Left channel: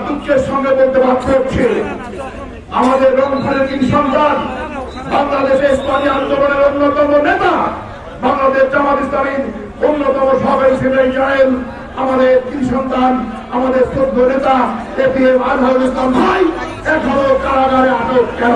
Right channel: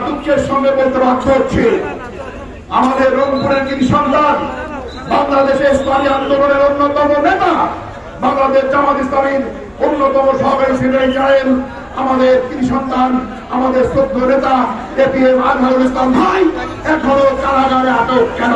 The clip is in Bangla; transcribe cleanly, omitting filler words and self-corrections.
দুঃখের সঙ্গে বলতে বাধ্য হচ্ছে, আমাদের রংপুরের কৃতি সন্তান, বাংলাদেশের ইসলামী আন্দোলনের অন্যতম নেতা, বাংলাদেশ জামাত ইসলামীর অন্যতম সভাপতি ছিলেন ইসরায়েল, আমাদের কৃতি সন্তান, আমাদের শ্রদ্ধ নেতা এপিএম আজহারুল ইসলাম ভাই এখনো কারাগারে আটক কেন?